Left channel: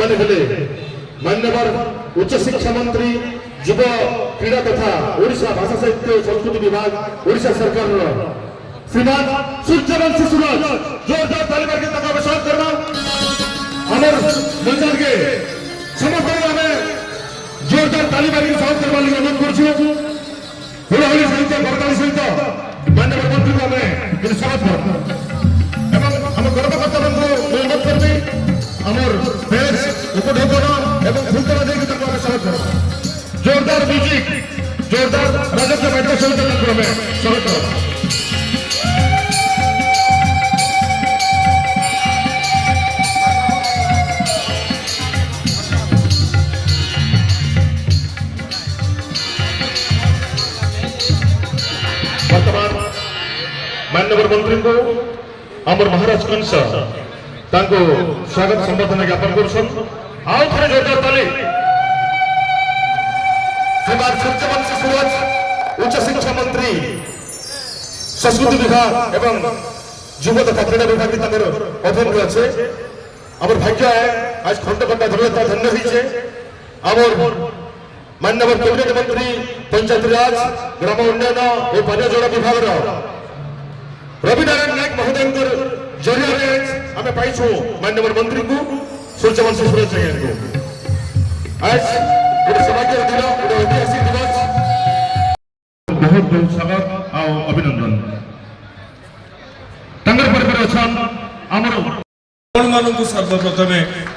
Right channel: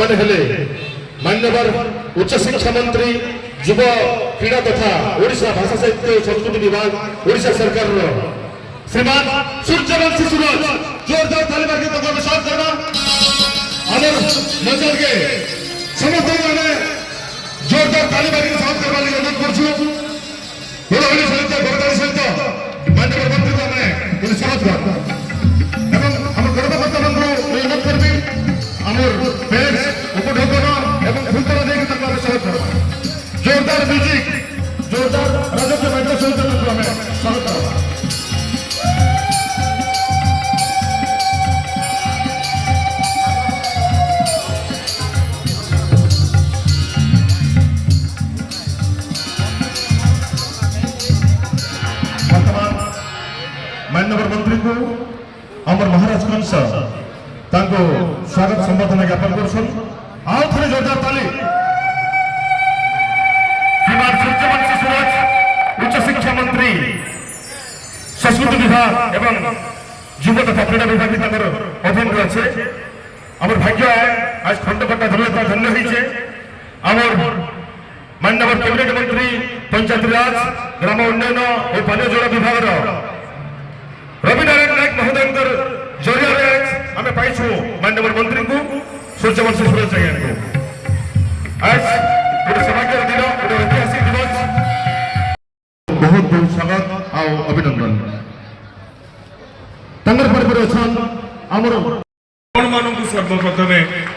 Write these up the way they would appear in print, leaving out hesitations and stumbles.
ସେମାନେ ହେଲେ मान्यवर उच्च शिक्षा मंत्री युव क्रीड़ा तथा ओडिशा भाषा साहित्य संस्कृति विभाग ओडिशा सरकार श्रीमान सूर्यवंशी सूरज जोरदार ताली मार के स्वागत करबा हमर मंचल के समस्त हमें जोरदार ताली मार के स्वागत करबा लिए अनुरोध करछु होली होली सहित बरदाली सहित मान्यवर मंत्री को हमें स्वागत करबा एवं हम गणतंत्र मंत्री अनुरोध करबी हमर बेस उपढोकन एवं फुलतरा देके तक हमें स्वागत करबा जोरदार म्यूजिक जोरदार राजकीय बैठक सहित हमें स्वागत करबा मान्यवर मंत्री को अमर महाराज कंस तांको स्वागत संबर्धना ज्ञापन करछन आउ थरे जोरदार ताली श्रीमान सूर्यवंशी सूरज उच्च शिक्षा मंत्री संस्कृति विभाग एवं युव तथा क्रीड़ा विभाग तांकर अधीन अछि हमर भाग्य आज खंडकटा धन्य होइछे हमर मान्यवर कैबिनेट मंत्री पंचायत राज ग्राम उन्नयन और पानी जल विभाग रविनारायण नायक महोदय जरिया आम पाइछु मान्यवर मंत्री को सूर्यवंशी सूरज जैन को आज गोटे सौभाग्य दिन गोटे ऐतिहासिक दिवस बहुत बहुत स्वागत और अभिनंदन तंगर पर अछन हमर आपण मानकु सर्वप्रथम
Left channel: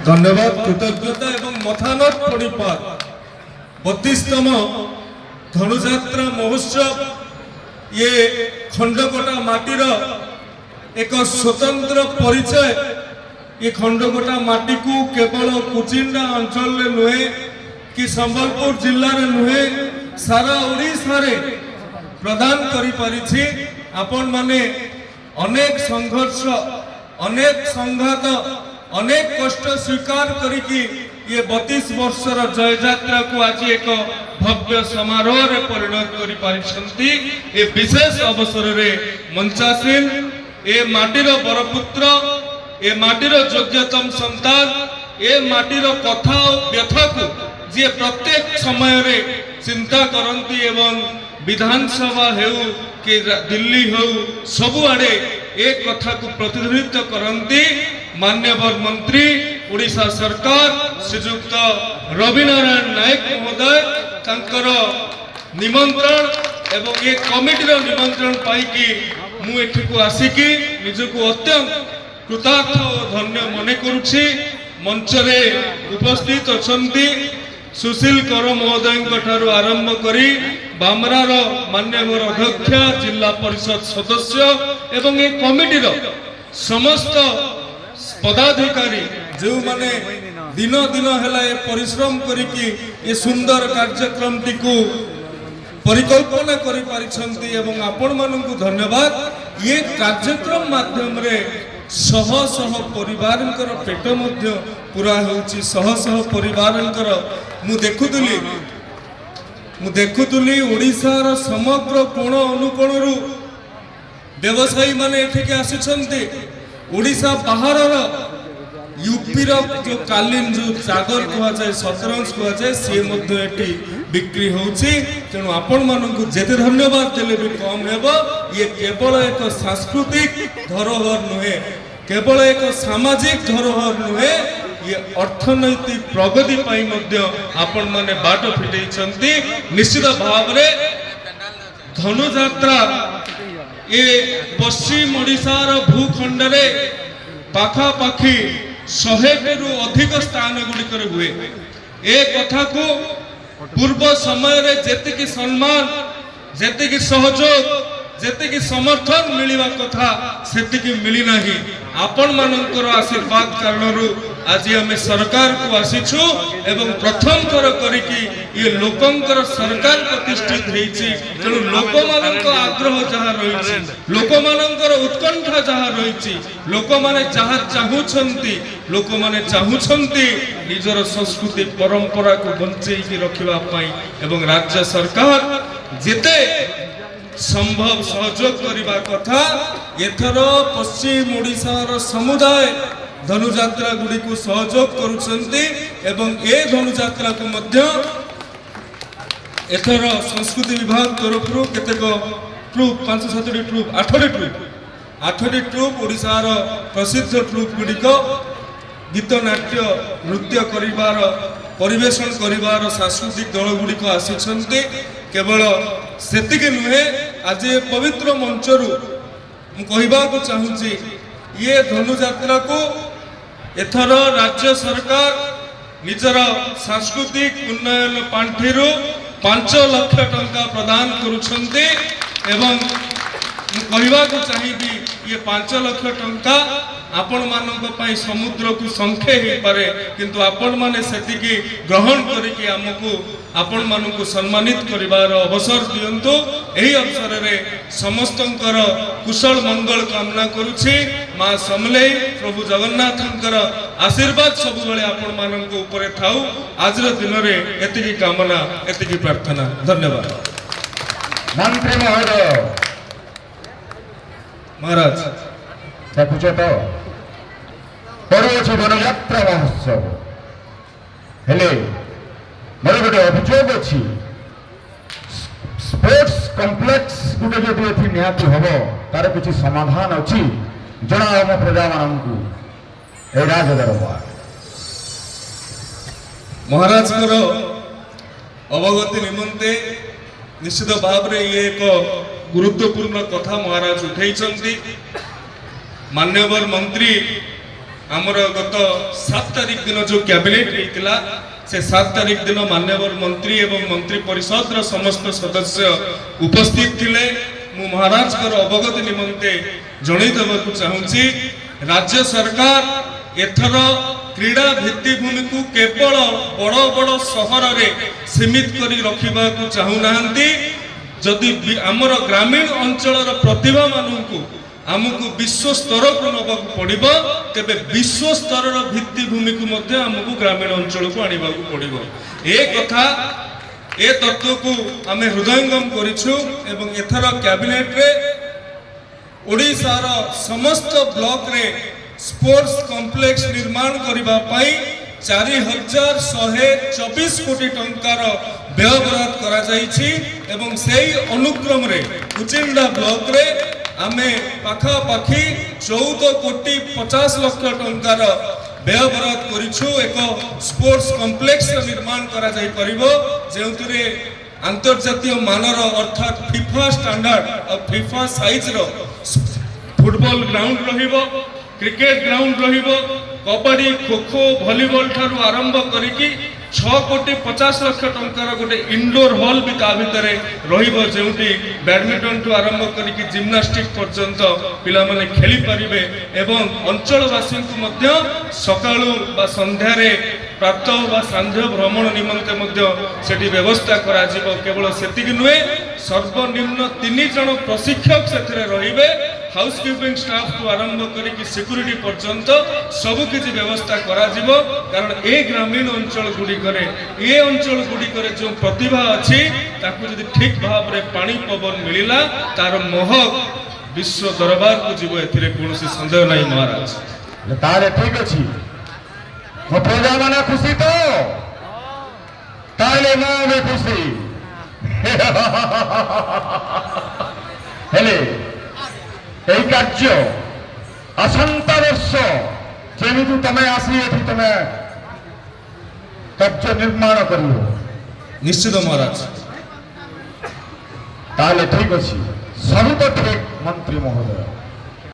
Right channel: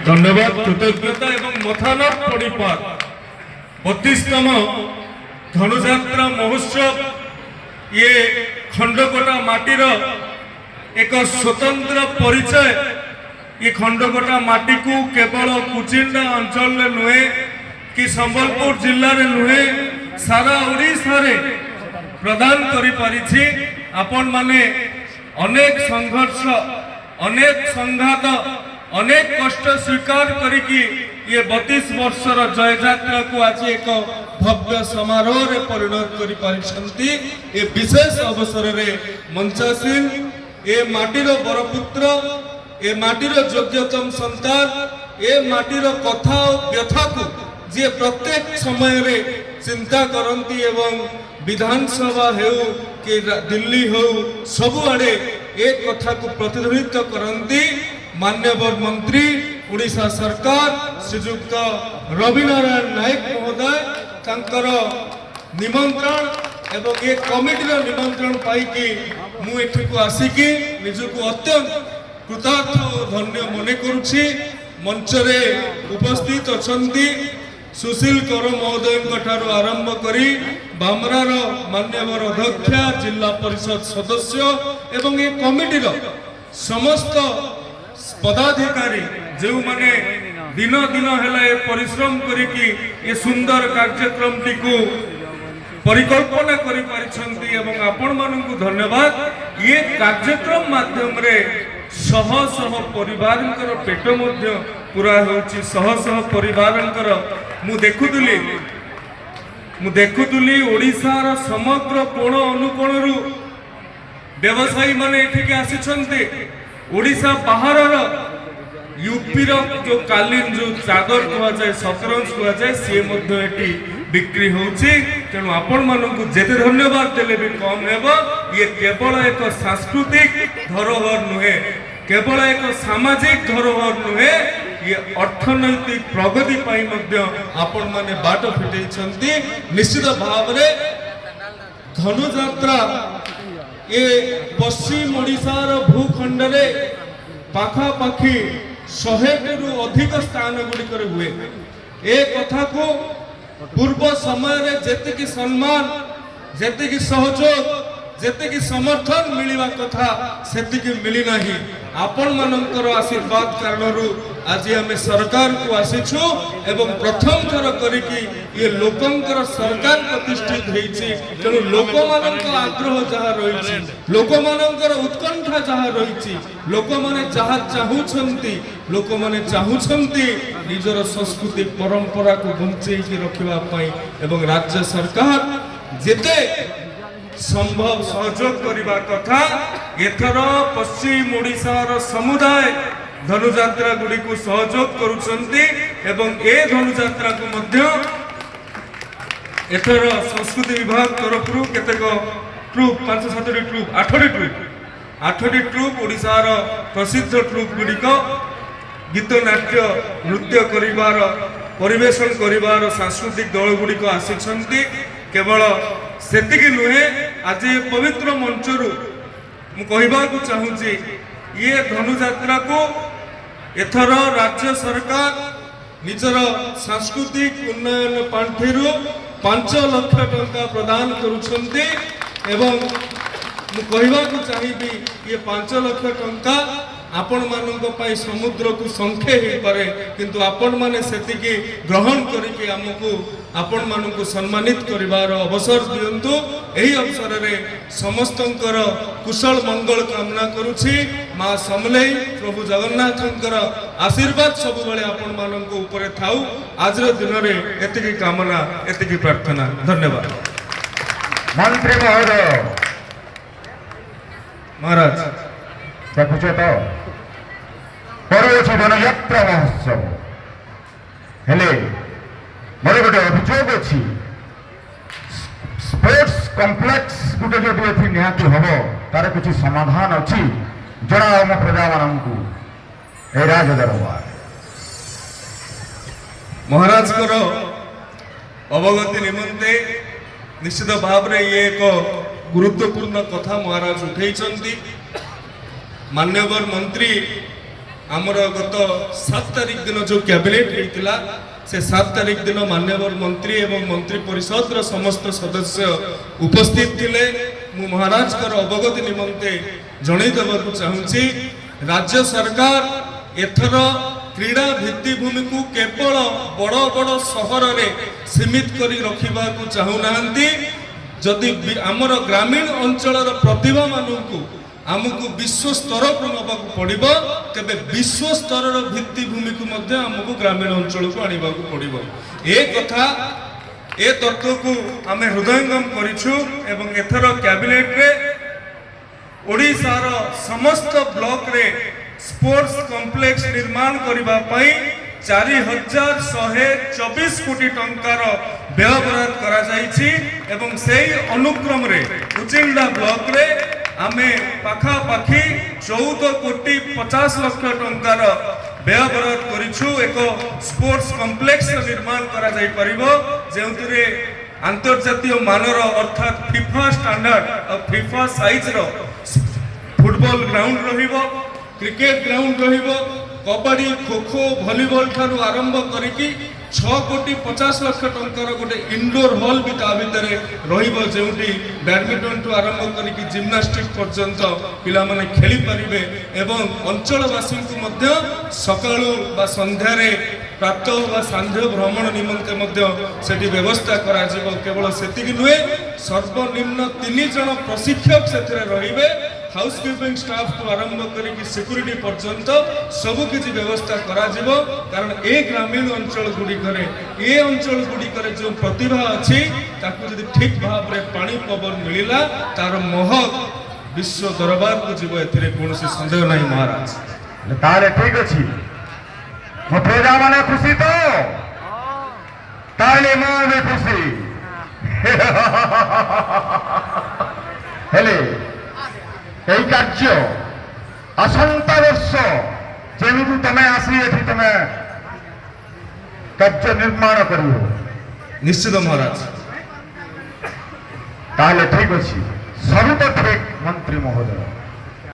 धन्यवाद कृतज्ञता एवं मथानत पड़ीपार 32तम धनुजात्रा महोत्सव ये खंडकोटा माटीर एक स्वतंत्र परिचय ये खंडकोटा माटी को केवल कुचिंडा अंचल नुहे कि संबलपुर जिल्ला रे नुहे सारा ओडिशा रे प्रदान करि परिछि आपण माने अनेक संघर्ष अनेक संघात अनेक कष्ट स्वीकार करिकी ये 32 वर्षर जय यात्रा को आज एक भव्य समारोह रे परिणत करि पारिछंती ए विशेष अवसर रे मंचासीन ए माटीर बरपुत्र ए माटीर योग्यतम संतान ए माटीर कथा और व्यथा को जे प्रत्येक समय रे चिंता करंती एवं विधानसभा हेउ कि दिल्ली हो सब आड़े एक कथा को प्रतिनिधित्व करंती मान्यवर मंत्री ओडिशा सरकार श्रीयुक्त रविनारायण नायक महोदय तांकर निमंत्रण एवं ये कमिटी निमंत्रण पाई मु एठिकु आसिकी निजको अत्यंत कृतार्थ और धन्य मने करुछि मंच रे उपस्थित अछंती सुशील कर महोदय ठारू आरंभ करी बामरार मान्यवर अध्यक्षा जिला परिषद सदस्य एवं ये कमिटीर समस्त पदाधिकारी जो माने दिन दिन है परिश्रम करिकी ये सुंदर कार्यक्रम टी को परिकल्पना करि पारिछंती एवं आपण मानकु धन्यवाद ये कार्यक्रम माध्यम रे शह शह परिवारंकर पेट मध्य पूरा होची शह शह परिवारंकर मु देखुतुली ओडिशार समग्र कोण अनुकोण रु व्यवसायी माने एठिके आसिछंती ओडिशा बाहरर यूपी रो जो कालीन जो चादर कहा जाए सतरंज कहा जाए सी मध्य एटी बिक्री होची तेणु आपण मानकु जेते धन्यवाद देले भी कम हेबो ये केवल एक सांस्कृतिक धरोहर नुहे केवल एक सामाजिक धरोहर नुहे ये अर्थनैतिक प्रगति पाई मध्य आपण माने बाट फिटै छंती निश्चित भाव रे धनुजात्रा ये पश्चिम ओडिशार भूखंड रे पाखा पाखी 100 रु अधिक स्थान गुड़िकर हुए ए कथा को पूर्व समय रे जेते की सम्मान जेते की सहयोग जेते की समर्थन मिलिवा कथा सेति की मिली नाही आपण मानकर आशीर्वाद कारणरू आज हमें सरकार को आसीछु एवं प्रथम थर करिकी ये लोकंकर सरकार प्रतिष्ठित हेछि तेणु लोक मानक आग्रह जहा रहिछि लोक मानकर उत्कंठा जहा रहिछि लोक माने जहा चाहुछंती लोक माने चाहुछंती निजर संस्कृति परंपरा को बंचै की रखिबा पई एवं राज्य सरकार जेते संभव सहयोग करने कथा एथर पश्चिम ओडिशार समुदाय ଧନୁଯାତ୍ରା ଗୁଡ଼ିକୁ ସହଯୋଗ କରୁଛନ୍ତି ଏବଂ ଏ ଧନୁଯାତ୍ରାକୁ ମଧ୍ୟ ଏଥର ସଂସ୍କୃତି ବିଭାଗ ତରଫରୁ କେତେକ ଟ୍ରୁପ୍ 5-7ଟି ଟ୍ରୁପ୍ 8ଟି ଟ୍ରୁପ୍ ଓଡ଼ିଶାର ପ୍ରସିଦ୍ଧ ଟ୍ରୁପ୍ ଗୁଡ଼ିକ ଗୀତ ନାଟ୍ୟ ନୃତ୍ୟ କରିବାର ପରିବେଷଣ କରିବାର ସାଂସ୍କୃତିକ ଦଳ ଗୁଡ଼ିକ ଆସିଛନ୍ତି। କେବଳ ସେତିକି ନୁହେଁ, ଆଜି ଏ ପବିତ୍ର ମଞ୍ଚରୁ ମୁଁ କହିବାକୁ ଚାହୁଁଛି ଇଏ ଧନୁଯାତ୍ରାକୁ ଏଥର ରାଜ୍ୟ ସରକାର ନିଜର ସାଂସ୍କୃତିକ ଉନ୍ନୟନ ପାଣ୍ଠିରୁ 5 ଲକ୍ଷ ଟଙ୍କା ପ୍ରଦାନ କରୁଛନ୍ତି ଏବଂ ମୁଁ କହିବାକୁ ଚାହିଁବି ଇଏ 5 ଲକ୍ଷ ଟଙ୍କା ଆପଣମାନଙ୍କ ପାଇଁ ସମୁଦ୍ରକୁ ସଂଖ୍ୟା ହେଇପାରେ, କିନ୍ତୁ ଆପଣମାନେ ସେତିକି ଗ୍ରହଣ କରିକି ଆମକୁ ଆପଣମାନଙ୍କୁ ସମ୍ମାନିତ କରିବାର ଅବସର ଦିଅନ୍ତୁ। ଏହି ଅବସରରେ ସମସ୍ତଙ୍କର କୁଶଳ ମଙ୍ଗଳ କାମନା କରୁଛି। ମା ସମଲେଇ ପ୍ରଭୁ ଜଗନ୍ନାଥଙ୍କର ଆଶୀର୍ବାଦ ସବୁବେଳେ ଆପଣମାନଙ୍କ ଉପରେ ଥାଉ। ଆଜିର ଦିନରେ ଏତିକି କାମନା, ଏତିକି ପ୍ରାର୍ଥନା। ଧନ୍ୟବାଦ। ମନ୍ତ୍ରୀ ମହୋଦୟ ମହାରାଜ ଦେଖୁଛ ତ ପରଉଛି ଧନୁଯାତ୍ରା ମହୋତ୍ସବ, ହେଲେ ମୋର ଗୋଟେ ଅଭିଯୋଗ ଅଛି, ସ୍ପୋର୍ଟସ କମ୍ପ୍ଲେକ୍ସ ଗୋଟେ ଯଦି ଏଠି ନିହାତି ହବ ତାର କିଛି ସମାଧାନ ଅଛି? ଜଣାଅ ଆମ ପ୍ରଜାମାନଙ୍କୁ ଏ ରାଜ ଦରବାର। ମହାରାଜଙ୍କର ଅବଗତି ନିମନ୍ତେ ନିଶ୍ଚିତ ଭାବରେ ଇଏ ଏକ ଗୁରୁତ୍ୱପୂର୍ଣ୍ଣ କଥା ମହାରାଜ ଉଠେଇଛନ୍ତି। ମାନ୍ୟବର ମନ୍ତ୍ରୀ ଆମର ଗତ 7 ତାରିଖ ଦିନ ଯେଉଁ କ୍ୟାବିନେଟ୍ ହେଇଥିଲା, ସେ 7 ତାରିଖ ଦିନ ମାନ୍ୟବର ମନ୍ତ୍ରୀ ଏବଂ ମନ୍ତ୍ରୀ ପରିଷଦର ସମସ୍ତ ସଦସ୍ୟ ଉପସ୍ଥିତ ଥିଲେ। ମୁଁ ମହାରାଜଙ୍କର ଅବଗତି ନିମନ୍ତେ ଜଣାଇ ଦେବାକୁ ଚାହୁଁଛି, ରାଜ୍ୟ ସରକାର ଏଥର କ୍ରୀଡ଼ା ଭିତ୍ତିଭୂମିକୁ କେବଳ ବଡ଼ ବଡ଼ ସହରରେ ସୀମିତ କରି ରଖିବାକୁ ଚାହୁଁନାହାନ୍ତି। ଯଦି ଆମର ଗ୍ରାମୀଣ ଅଞ୍ଚଳର ପ୍ରତିଭାମାନଙ୍କୁ ଆମକୁ ବିଶ୍ୱ ସ୍ତରକୁ ନେବାକୁ ପଡ଼ିବ, ତେବେ ବିଶ୍ୱ ସ୍ତରର ଭିତ୍ତିଭୂମିକୁ ମଧ୍ୟ ଆମକୁ ଗ୍ରାମୀଣ ଅଞ୍ଚଳକୁ ଆଣିବାକୁ ପଡ଼ିବ। ଏ କଥା, ଏ ତତ୍ତ୍ୱକୁ ଆମେ ହୃଦୟଙ୍ଗମ କରିଛୁ ଏବଂ ଏଥର କ୍ୟାବିନେଟ୍ରେ ଓଡ଼ିଶାର ସମସ୍ତ ବ୍ଲକରେ ସ୍ପୋର୍ଟସ କମ୍ପ୍ଲେକ୍ସ ନିର୍ମାଣ କରିବା ପାଇଁ 4124 କୋଟି ଟଙ୍କାର ବ୍ୟୟବରାଦ କରାଯାଇଛି ଏବଂ ସେହି ଅନୁକ୍ରମରେ କୁଚିଣ୍ଡା ବ୍ଲକରେ ଆମେ ପାଖାପାଖି 14,50,00,000 ଟଙ୍କାର ବ୍ୟୟବରାଦ କରିଛୁ। ଏକ ସ୍ପୋର୍ଟସ କମ୍ପ୍ଲେକ୍ସ ନିର୍ମାଣ କରାଯାଇପାରିବ, ଯେଉଁଥିରେ ଆନ୍ତର୍ଜାତୀୟ ମାନର ଅର୍ଥାତ୍ ଫିଫା ଷ୍ଟାଣ୍ଡାର୍ଡ ଆଉ ଫିଫା ସାଇଜର ଫୁଟବଲ ଗ୍ରାଉଣ୍ଡ ରହିବ, କ୍ରିକେଟ ଗ୍ରାଉଣ୍ଡ ରହିବ, କବାଡି, ଖୋଖୋ, ଭଲିବଲ ଠାରୁ ଆରମ୍ଭ କରିକି 6,50,00,000 ଟଙ୍କାର ଗୋଟେ ଇନଡୋର ହଲ୍ ବି ତା ଭିତରେ ରହିବ, ଯେଉଁଠି ବ୍ୟାଡମିଣ୍ଟନ ଠୁ ଆରମ୍ଭ କରିକି ଜିମ୍ନାଷ୍ଟିକ ପର୍ଯ୍ୟନ୍ତ ପିଲାମାନେ ଖେଳିପାରିବେ ଏବଂ ଅଞ୍ଚଳବାସୀଙ୍କୁ ମଧ୍ୟ ସକାଳୁ ବା ସନ୍ଧ୍ୟାରେ ପ୍ରାତଃ ବା ସାନ୍ଧ୍ୟ ଭ୍ରମଣ ନିମନ୍ତେ ମଧ୍ୟ ସେଠି ବ୍ୟବସ୍ଥା କରାଯିବ। କେବଳ ସେତିକି ନୁହେଁ, ସର୍ବନିମ୍ନ 3 ଜଣ ପ୍ରଶିକ୍ଷକ ସେଥିରେ ରହିବେ। ହାଉସକିପିଂ ଷ୍ଟାଫଠୁ ଆରମ୍ଭ କରିକି ସିକ୍ୟୁରିଟି ପର୍ଯ୍ୟନ୍ତ ସବୁକିଛି ବ୍ୟବସ୍ଥା କରାଯିବ। କାରଣ ଏ ଗ୍ରାମୀଣ ଅଞ୍ଚଳ ଗୁଡ଼ିକରେ ଯେଉଁ ପ୍ରତିଭା ଅଛି ତାକୁ ଯଦି ଠିକ୍ ଭାବରେ ପାଣି ପବନ ମିଳିଲା, ତାର ମହକ ବିଶ୍ୱ ଦରବାରକୁ ଯିବ, ଏଥିରେ କୌଣସି ସନ୍ଦେହ ନାହିଁ ମହାରାଜ। ତାହେଲେ ଠିକ ଅଛି, ମୋ ପ୍ରଜାମାନେ ଖୁସି ତ? ତାହେଲେ ମୁଁ ବି ଖୁସି। ହେଲେ এই କାର୍ଯ୍ୟ ଆସନ୍ତା ବର୍ଷ ଯେମିତି ତମେ ଆସି ଏଠି ତମେ କାର୍ଯ୍ୟ ନିର୍ମାଣ କରିବ। ନିଶ୍ଚିତ ମହାରାଜ। ତାହେଲେ ଠିକ ଅଛି, ସବୁ ତ ଠିକ ମନ୍ତ୍ରୀ ମହୋଦୟ।